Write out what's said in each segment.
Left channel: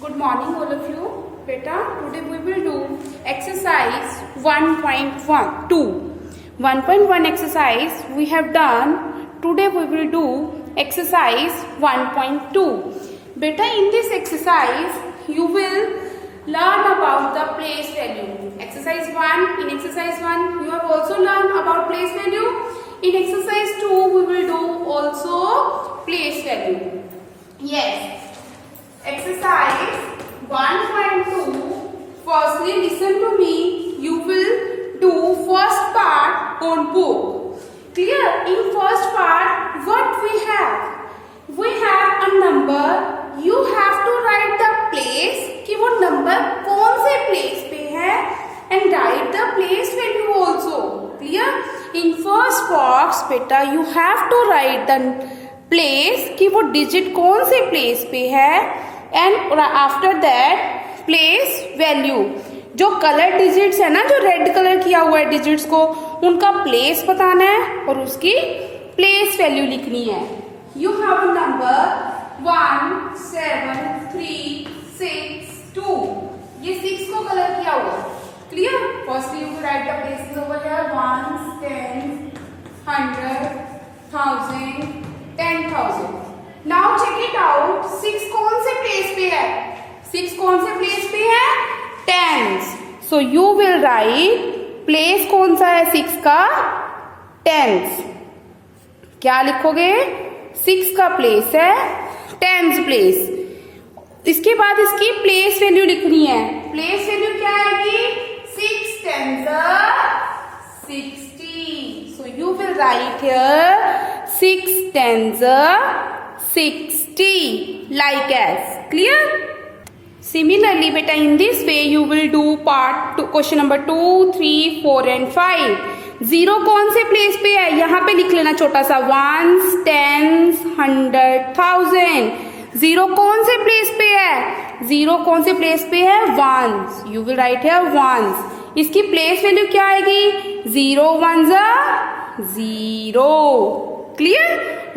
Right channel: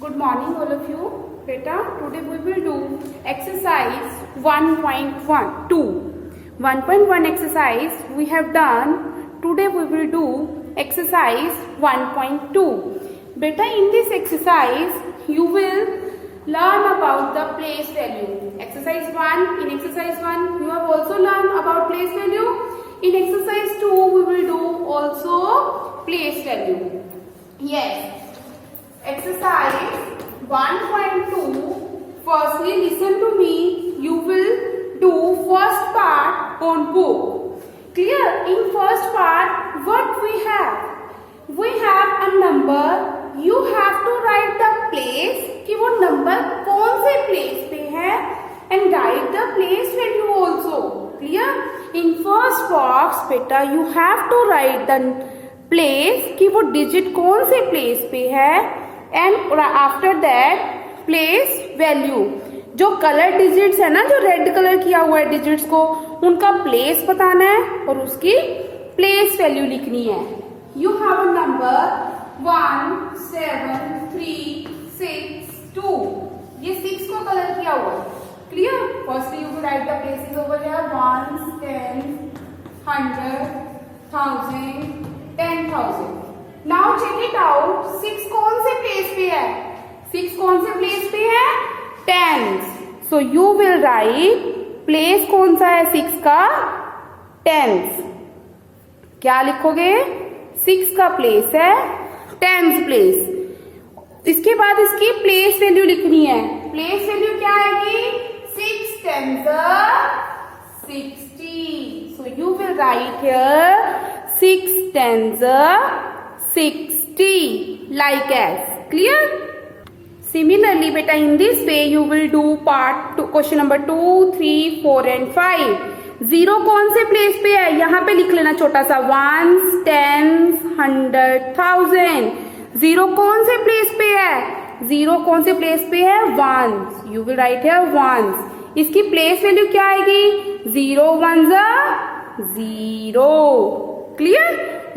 Good morning all of you. Beta, today we will do exercise 1.2. 1.1 exercise we have done. Today we will do exercise 1.2. Beta, in this exercise you will learn about the place value. Exercise 1. In exercise 1 you have also learned about place value. In exercise 2 we will do also place value. Yes. Exercise 1.2. Firstly, listen to me. You will do first part on book. Clear? In first part, what we have? We have a number. You have to write the place कि वो number कौन से place पे है and write the place value also. Clear? In first box, बेटा, you have to write the place कि वो digit कौन से place पे है and after that place value. जो कलर डिजिट्स है ना, जो रेड कलर किया हुआ है डिजिट्स को, उनका प्लेस बताना है और उसकी प्लेस वैल्यू लिखनी है. You have a number 1 7 3 6 2. ये 6 को कलर किया हुआ है. Clear? Firstly you write the places over here 1 10 100 1000 10,000. Now check it out. 6 कौन से प्लेस पे है? 6 कौन से प्लेस पे है? Tens. So you will write place कौन सा है 6 का? टेंस. क्या लिखोगे? 6 का प्लेस है टेंस प्लेस. इसके बाद इसकी प्लेस वैल्यू लिखनी है. प्लेस वैल्यू क्या आएगी? 6 10 60. सो you will right here 6 10 60 like as. Clear? Similarly, beta, in this way you will do part 2, question number 2, 3, 4 and 5. 0 कौन से प्लेस पे है? यहाँ पे लिख लेना छोटा सा. 1s 10s 100 1000. 0 कौन से प्लेस पे है? 0 कौन से प्लेस पे है? 1s. You will write here 1s. इसकी प्लेस वैल्यू क्या आएगी? 0 1s 0. Clear?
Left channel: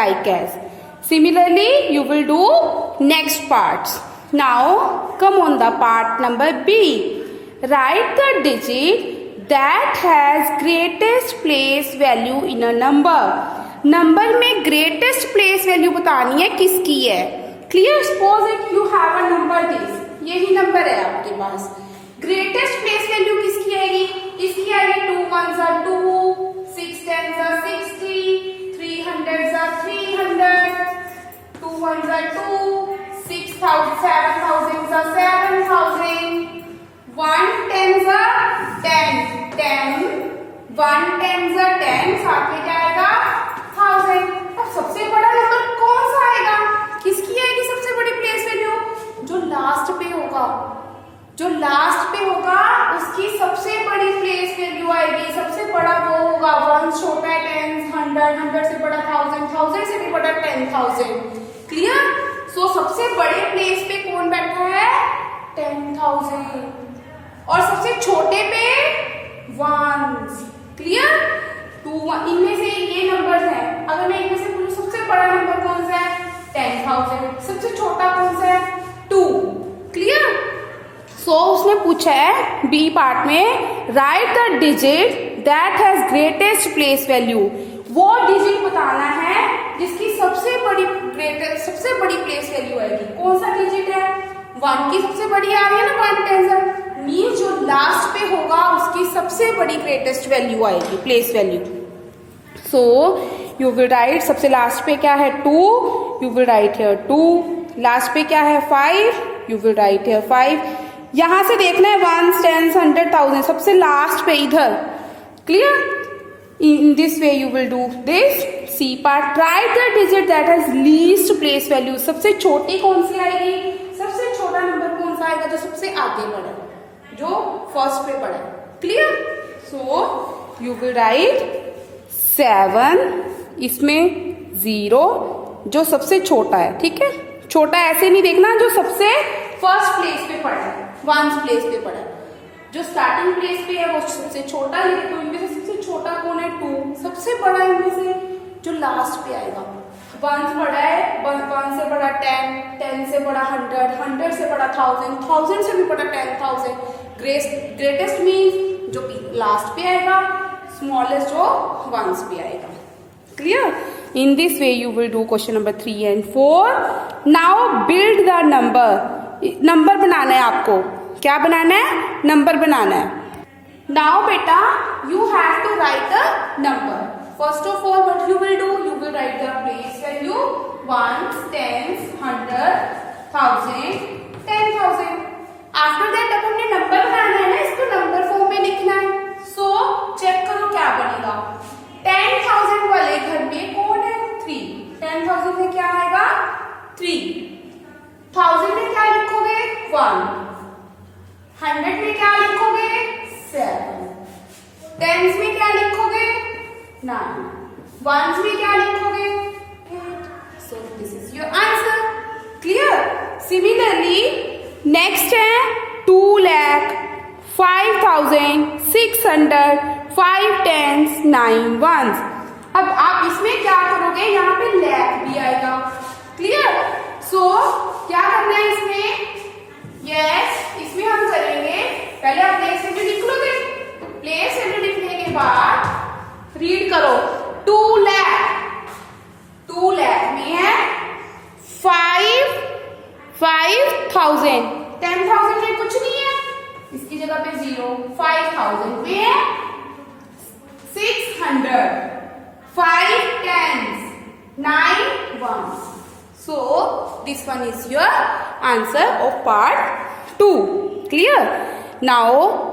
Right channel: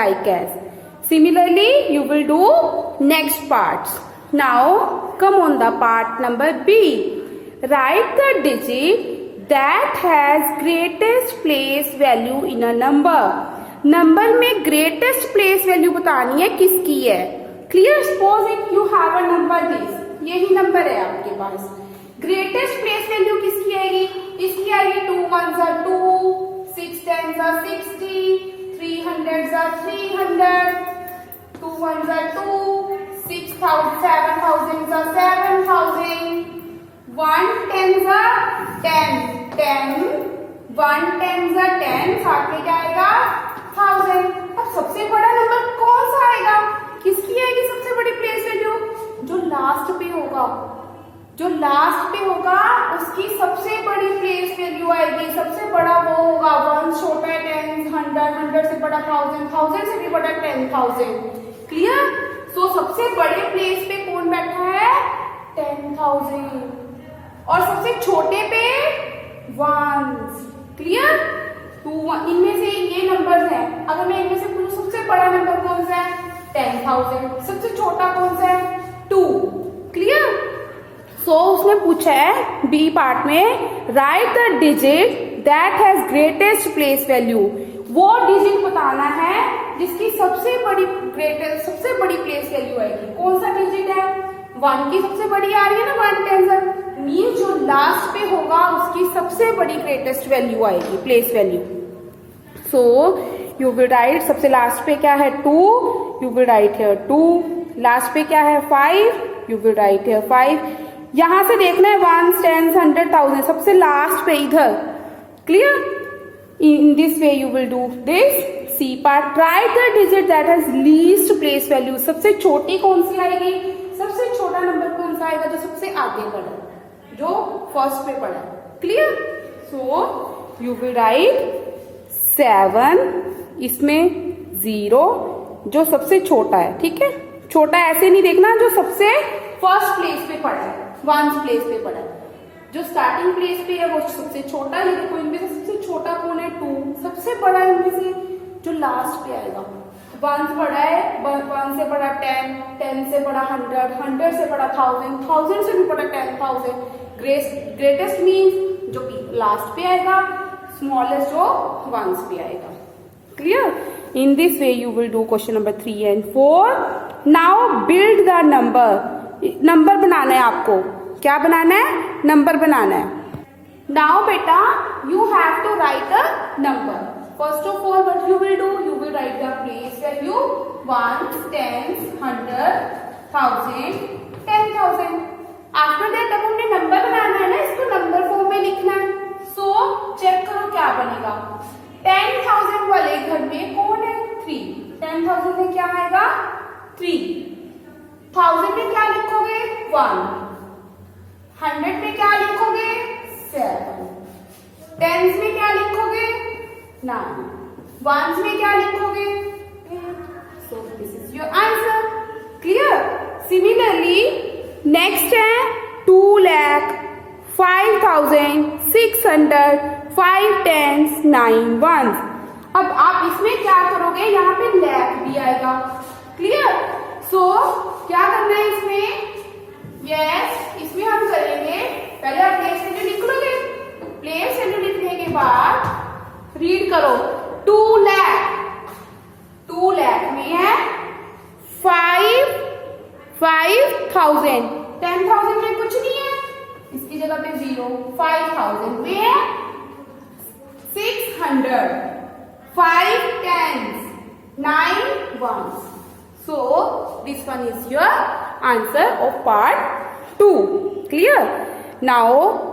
Like as. Similarly, you will do next parts. Now, come on the part number B. Write the digit that has greatest place value in a number. Number में greatest place value बतानी है किसकी है. Clear? Suppose that you have a number this. यही number है आपके पास. Greatest place value किसकी आएगी? इसकी आएगी 2 1s 2, 6 10s 60, 300s 300. 2 1s 2, 6,000 7,000 7,000. 1 10s 10 10. 1 10s 10. साथ में क्या आएगा? 1000. अब सबसे बड़ा नंबर कौन सा आएगा? किसकी आएगी सबसे बड़ी प्लेस वैल्यू? जो लास्ट पे होगा. जो लास्ट पे होगा उसकी सबसे बड़ी प्लेस वैल्यू आएगी. सबसे बड़ा वो होगा. 1 छोटा है 10, 100 100 से बड़ा 1000, 1000 से भी बड़ा 10,000. क्लियर? सो सबसे बड़े प्लेस पे कौन बैठा है? 10,000. और सबसे छोटे पे 1s. क्लियर? 2 इनमें से ये नंबर्स हैं. अगर मैं इनमें से पूछूं सबसे बड़ा नंबर कौन सा है? 10,000. सबसे छोटा कौन सा है? 2. क्लियर? सो उसने पूछा है बी पार्ट में, right the digit that has greatest place value. वो डिजिट बताना है जिसकी सबसे बड़ी प्लेस वैल्यू आएगी. कौन सा डिजिट है? 1 की सबसे बड़ी आ रही है ना, 1 10 मीन जो लास्ट पे होगा उसकी सबसे बड़ी ग्रेटेस्ट वैल्यू आएगी, place value. So you will right सबसे लास्ट पे क्या है? 2. You will right here 2. Last पे क्या है? 5. You will right here 5. यहां से देखना है 1s 10s 100 1000 सबसे लास्ट पे इधर. Clear? In this way you will do this. C part. Write the digit that has least place value. सबसे छोटी कौन सी आएगी? सबसे छोटा नंबर कौन सा आएगा? जो सबसे आगे पड़ा, जो फर्स्ट पे पड़ा. Clear? So you will write 7. इसमें 0 जो सबसे छोटा है. ठीक है? छोटा ऐसे नहीं देखना, जो सबसे फर्स्ट प्लेस पे पड़ा है, 1s प्लेस पे पड़ा है. जो स्टार्टिंग प्लेस पे है वो सबसे छोटा है. तो इनमें से सबसे छोटा कौन है? 2. सबसे बड़ा इनमें से जो लास्ट पे आएगा वंस बड़ा है, वन से बड़ा 10, 10 से बड़ा 100, 100 से बड़ा 1000, 1000 से भी बड़ा 10,000। ग्रेटेस्ट मीन्स जो लास्ट पे आएगा, स्मॉलेस्ट जो वंस पे आएगा। Clear? In this way you will do question number 3 and 4। Now build the number बनाना है आपको। क्या बनाना है? नंबर बनाना है। नाउ बेटा you have to write the number. First of all, what you will do? You will write the place value, ones, tens, 100, 1000, 10,000. After that अब हमने नंबर बनाना है ना, इसको नंबर फॉर्म में लिखना है। So चेक करो क्या बनेगा। 10,000 वाले घर में कौन है? 3। 10,000 में क्या आएगा? 3। 1000 में क्या लिखोगे? 1। 100 में क्या लिखोगे? 7। टेंस में क्या लिखोगे? 9। वंस में क्या लिखोगे? 8। So this is your answer. Clear? Similarly next है 2,05,600, 5 टेंस, 9 वंस। अब आप इसमें क्या करोगे? यहाँ पे लैख भी आएगा। क्लियर? सो क्या करना है इसमें? यस, इसमें हम करेंगे, पहले आप प्लेस वैल्यू लिख लोगे। प्लेस वैल्यू लिखने के बाद रीड करो। 2 लाख में है 5,000। 10,000 में कुछ नहीं है, इसकी जगह पे 0। 5,000 में है 600, 5 tens, 9 ones. So this one is your answer of part 2. Clear? Now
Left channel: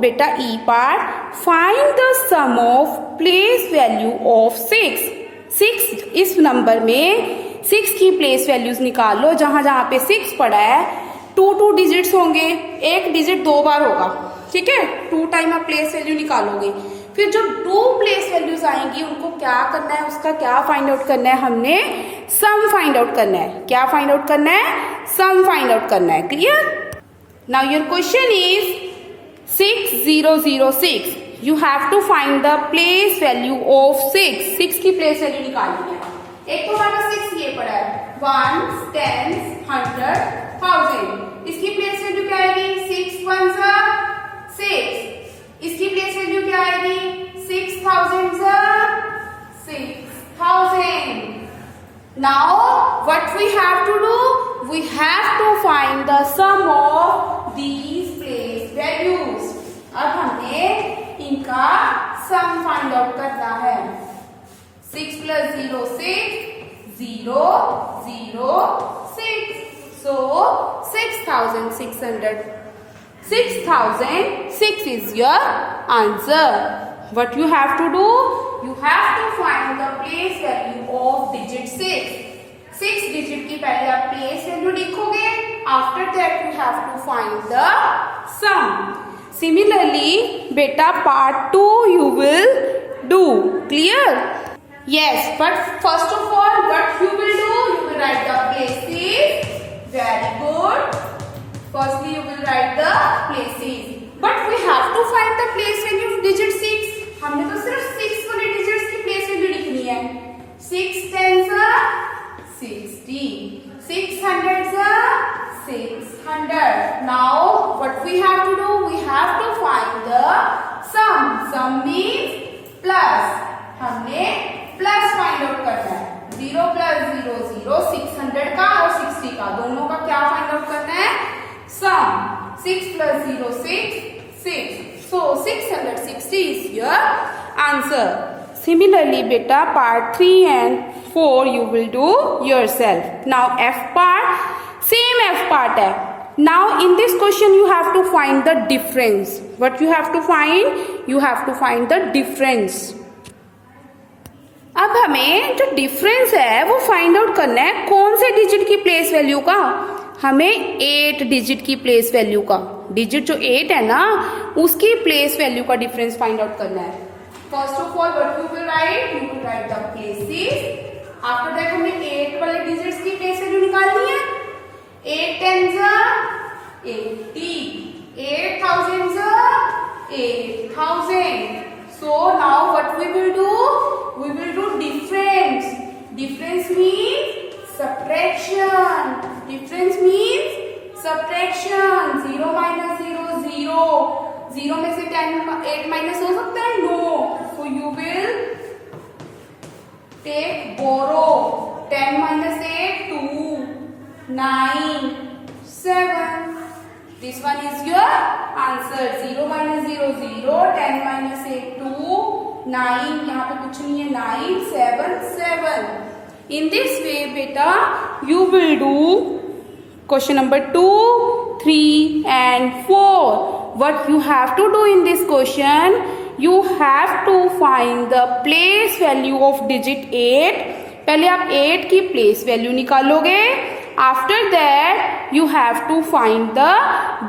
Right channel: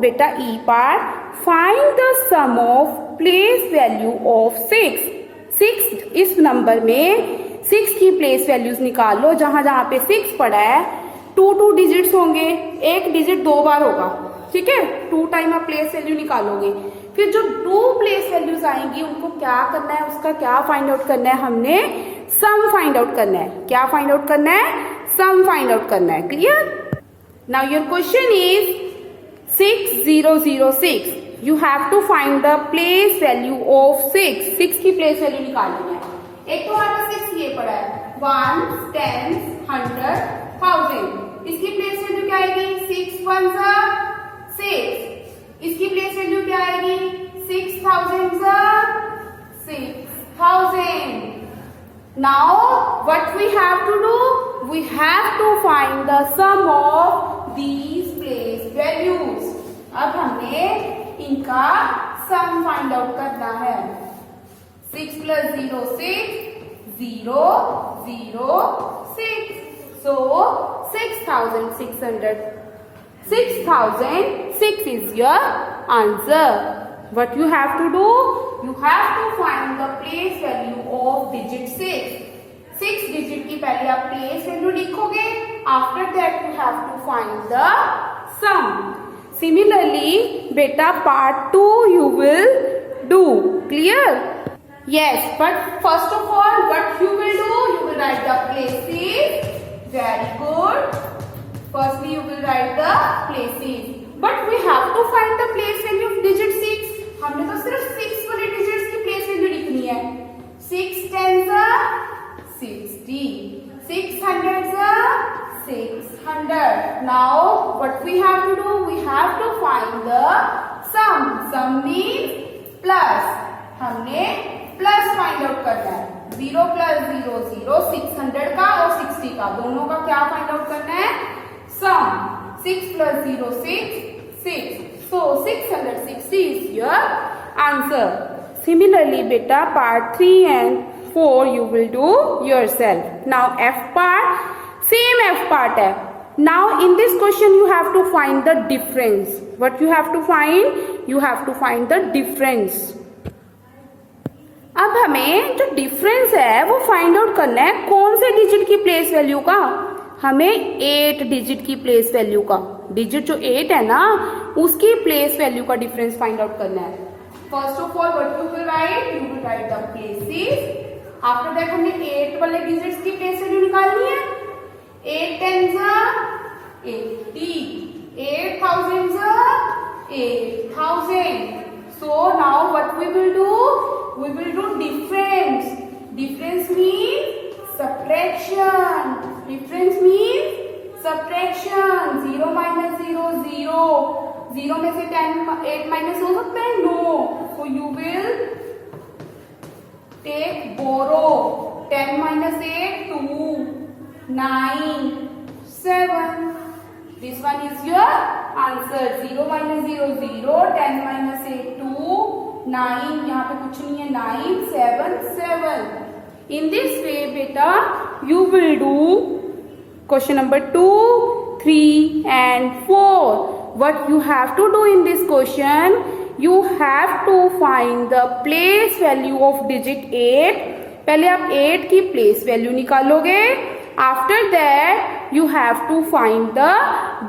beta E part, find the sum of place value of 6. 6 इस नंबर में 6 की प्लेस वैल्यूज निकाल लो। जहां जहां पे 6 पड़ा है 2 डिजिट्स होंगे, एक डिजिट 2 बार होगा। ठीक है? 2 टाइम आप प्लेस वैल्यू निकालोगे। फिर जो 2 प्लेस वैल्यूज आएंगी उनको क्या करना है? उसका क्या फाइंड आउट करना है? हमने सम फाइंड आउट करना है। क्या फाइंड आउट करना है? सम फाइंड आउट करना है। Clear? Now your question is 6006। You have to find the place value of 6। 6 की प्लेस वैल्यू निकालनी है। एक तो हमारे पास 6 ये पड़ा है, 1s, 10s, 100, 1000। इसकी प्लेस वैल्यू क्या आएगी? 6 1s are 6। इसकी प्लेस वैल्यू क्या आएगी? 6,000 are 6,000। Now what we have to do? We have to find the sum of these place values. अब हमने इनका सम फाइंड आउट करना है। 6 plus 0 6, 0 0 6। So 6,600. 6,006 is your answer. What you have to do? You have to find the place value of digit 6. 6 digit की पहले आप place value लिखोगे. After that you have to find the sum. Similarly, beta part 2 you will do. Clear? Yes, but first of all, what you will do? You will write the places. Very good. Firstly, you will write the places. But we have to find the place value of digit 6. हमने तो सिर्फ 6 वाले digits की place value लिखनी है। 6 tens are 60. 6 hundreds are 600. Now, what we have to do? We have to find the sum. Sum means plus. हमने plus find out करना है। 0 plus 0 0, 600 का और 60 का दोनों का क्या find out करना है? Sum. 6 plus 0 6, 6. So 660 is your answer. Similarly, beta part 3 and 4 you will do yourself. Now F part, same F part है. Now in this question you have to find the difference. What you have to find? You have to find the difference. अब हमें जो difference है वो find out करना है कौन से डिजिट की प्लेस वैल्यू का? हमें 8 डिजिट की प्लेस वैल्यू का। डिजिट जो 8 है ना उसकी प्लेस वैल्यू का डिफरेंस फाइंड आउट करना है। First of all what you will right? You will right the places. After that हमें 8 वाले डिजिट्स की प्लेस वैल्यू निकालनी है। 8 tens are 80, 8,000 are 8,000. So now what we will do? We will do difference. Difference means subtraction. 0 minus 0, 0. 0 में से 8 minus हो सकता है? No. So you will take borrow. 10 minus 8, 2. 9, 7. This one is your answer. 0 minus 0, 0. 10 minus 8, 2. 9. यहाँ पे कुछ नहीं है. 9, 7, 7. In this way, beta, you will do question number 2, 3 and 4. What you have to do in this question, you have to find the place value of digit 8. पहले आप 8 की place value निकालोगे. After that, you have to find the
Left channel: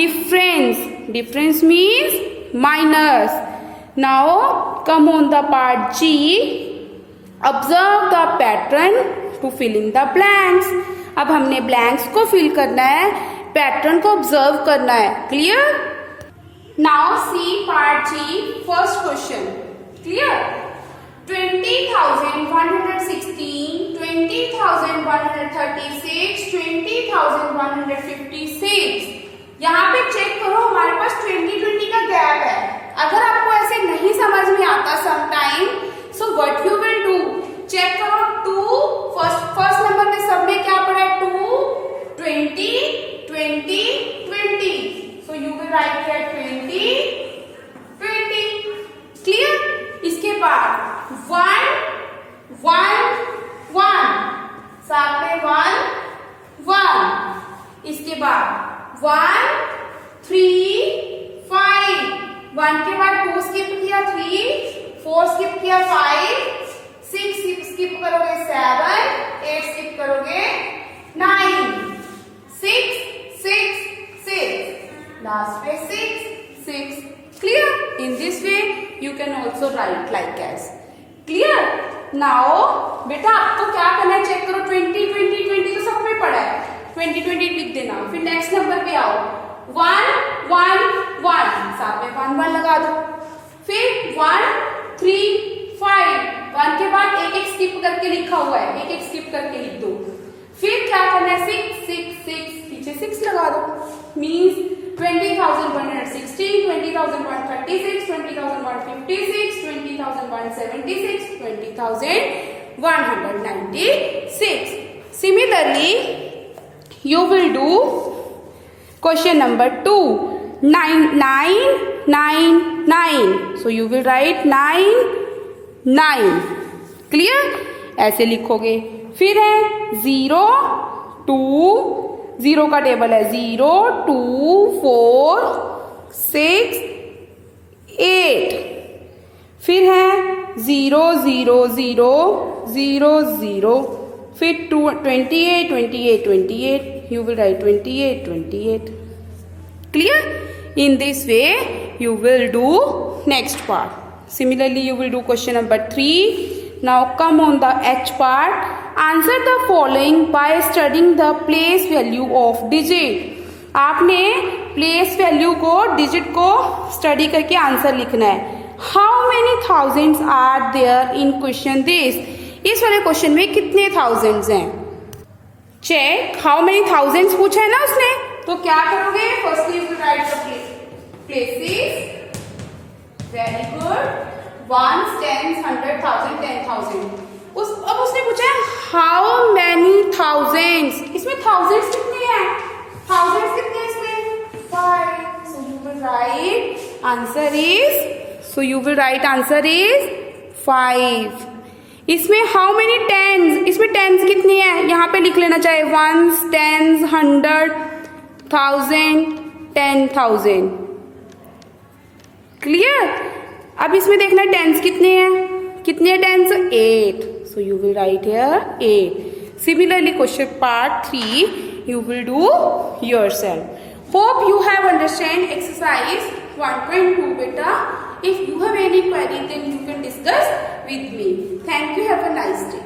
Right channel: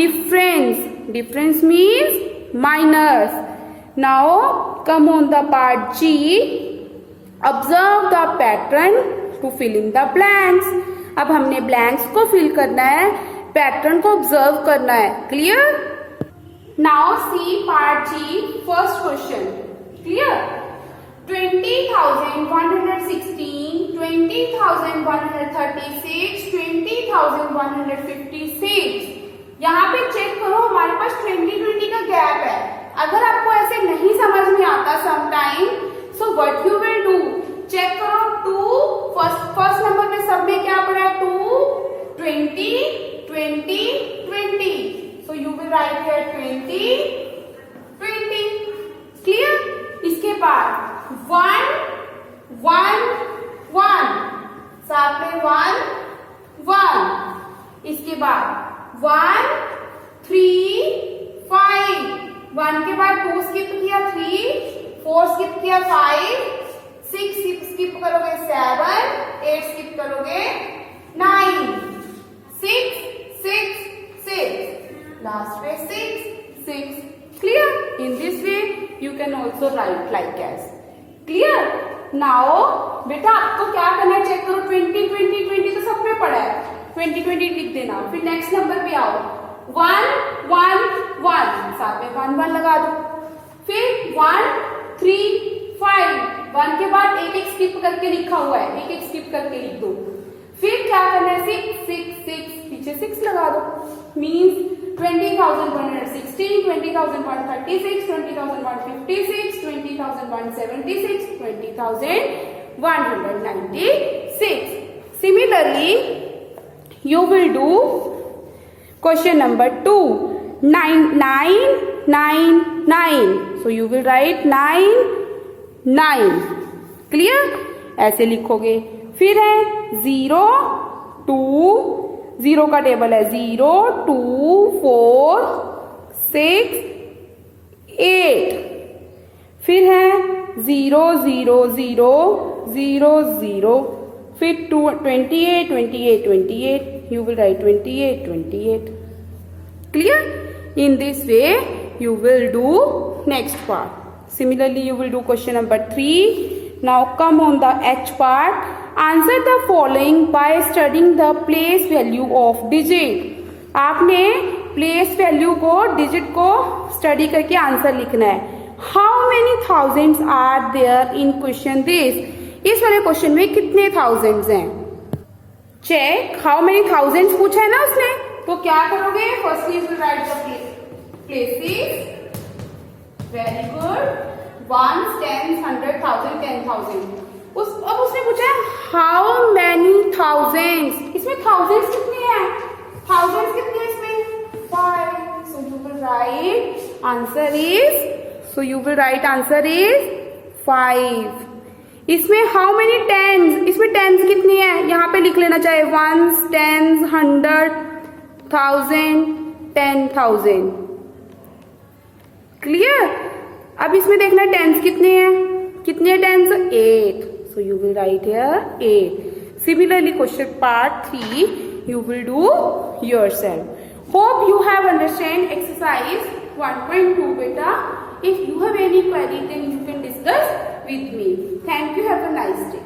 difference. Difference means minus. Now, come on the part G. Observe the pattern to fill in the blanks. अब हमने blanks को fill करना है, pattern को observe करना है. Clear? Now see part G, first question. Clear? 20,116, 20,136, 20,156. यहाँ पे चेक करो, हमारे पास 20 का गैप है. अगर आपको ऐसे नहीं समझ में आता sometime, so what you will do? Check करो 2 फर्स्ट नंबर के सब में क्या पड़ा है? 2, 20, 20, 20. So you will write here 20, 20. Clear? इसके बाद 1, 1, 1. साथ में 1, 1. इसके बाद 1, 3, 5. 1 के बाद 2 स्किप किया, 3, 4 स्किप किया, 5, 6 स्किप करोगे, 7, 8 स्किप करोगे, 9, 6, 6, 6. Last में 6, 6. Clear? In this way, you can also write like as. Clear? Now, बेटा आपको क्या करना है? चेक करो 20, 20, 20 तो सब में पड़ा है. 20, 20 लिख देना. फिर नेक्स्ट नंबर पे आओ. 1, 1, 1. साथ में 1, 1 लगा दो. फिर 1, 3, 5. 1 के बाद एक स्किप करके लिखा हुआ है. एक स्किप करके लिख दो. फिर क्या करना है? 6, 6, 6. पीछे 6 लगा दो. Means 20,116, 20,136, 20,156, 20,176, 20,196. Similarly, you will do question number 2. 9, 9, 9, 9. So you will write 9, 9. Clear? ऐसे लिखोगे. फिर है 0, 2. 0 का टेबल है 0, 2, 4, 6, 8. फिर है 0, 0, 0, 0, 0. फिर 28, 28, 28. You will write 28, 28. Clear? In this way, you will do next part. Similarly, you will do question number 3. Now come on the H part. Answer the following by studying the place value of digit. आपने place value को digit को study करके answer लिखना है. How many thousands are there in question this? इस वाले question में कितने thousands हैं? Check how many thousands पूछा है ना उसने. तो क्या करोगे? Firstly you will write the places. Very good. 1, 10, 100, 1000, 10,000. अब उसने पूछा है हाउ मैनी थाउजेंड्स. इसमें थाउजेंड्स कितने हैं? थाउजेंड्स कितने हैं इसमें? 5. So you will write answer is 5. इसमें हाउ मेनी टेंस. इसमें टेंस कितनी है? यहाँ पे लिख लेना चाहिए 1s, 10s, 100, 1000, 10,000. क्लियर? अब इसमें देखना टेंस कितने हैं. कितने tense? 8. So you will write here 8. Similarly, question part 3 you will do yourself. Hope you have understand exercise 1.2 beta. If you have any query, then you can discuss with me. Thank you. Have a nice day.